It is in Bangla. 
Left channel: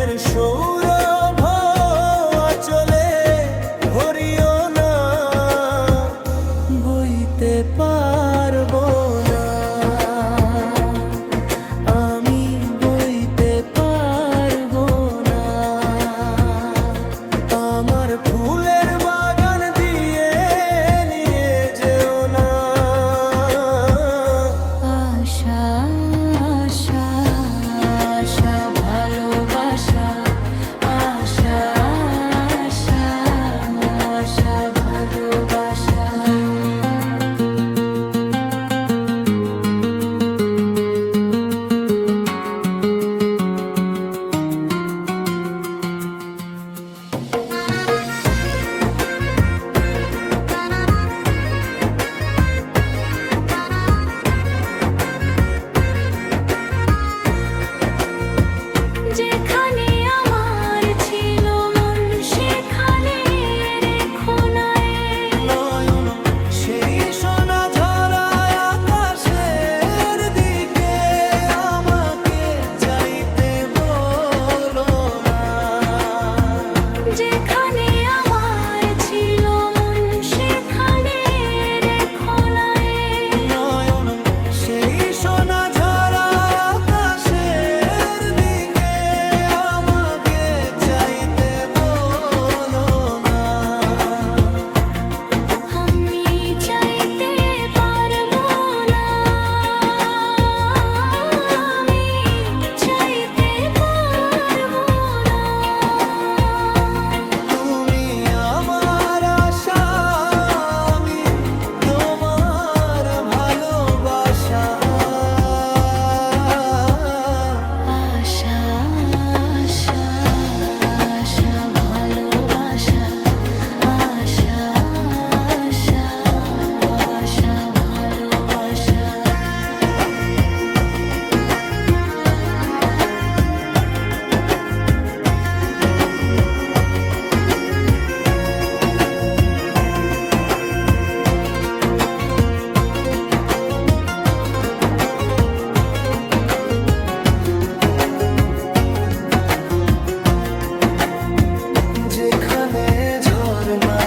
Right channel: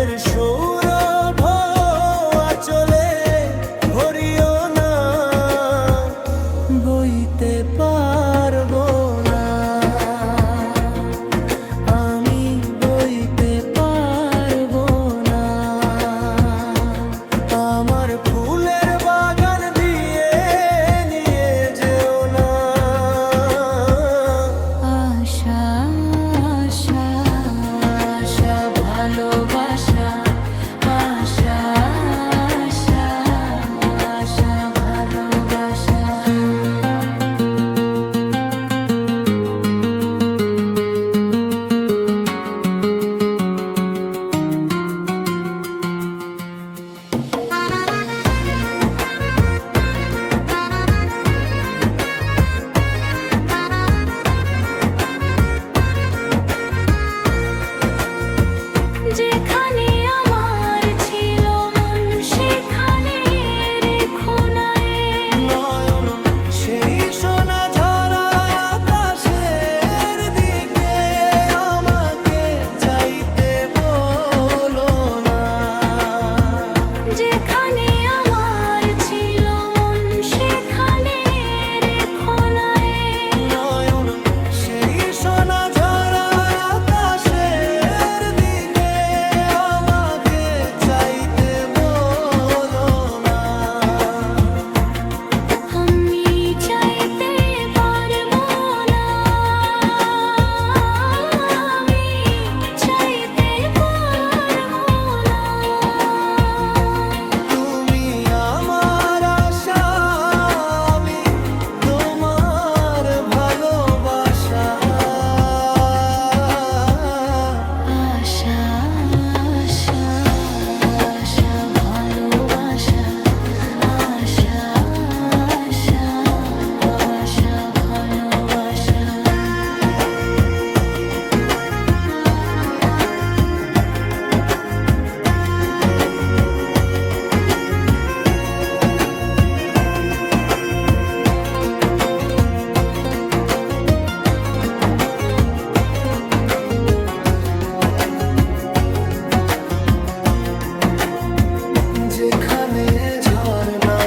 প্রেমের সৌরভ আঁচলে ভরিও না, বইতে পারবো না, আমি বইতে পারবো না। আমার ফুলের বাগান দিয়ে নিয়ে যেও না। আশা আশা আশা ভালোবাসা, আশা আশা আশা ভালোবাসা। যেখানে আমার ছিল মন সেখানে রেখো না নয়ন সেই সোনা ঝরা আকাশের দিকে আমাকে চাইতে বলো না। যেখানে আমার ছিল মন সেখানে রেখো না নয়ন সেই সোনা ঝরা আকাশের দিকে আমাকে চাইতে বলো না। আমি চাইতে পারবো না, আমি চাইতে পারবো না। তুমি আমার আশা, আমি তোমার ভালোবাসা। আশা আশা আশা ভালোবাসা, আশা আশা আশা ভালোবাসা। যেখানে ঝর্ণা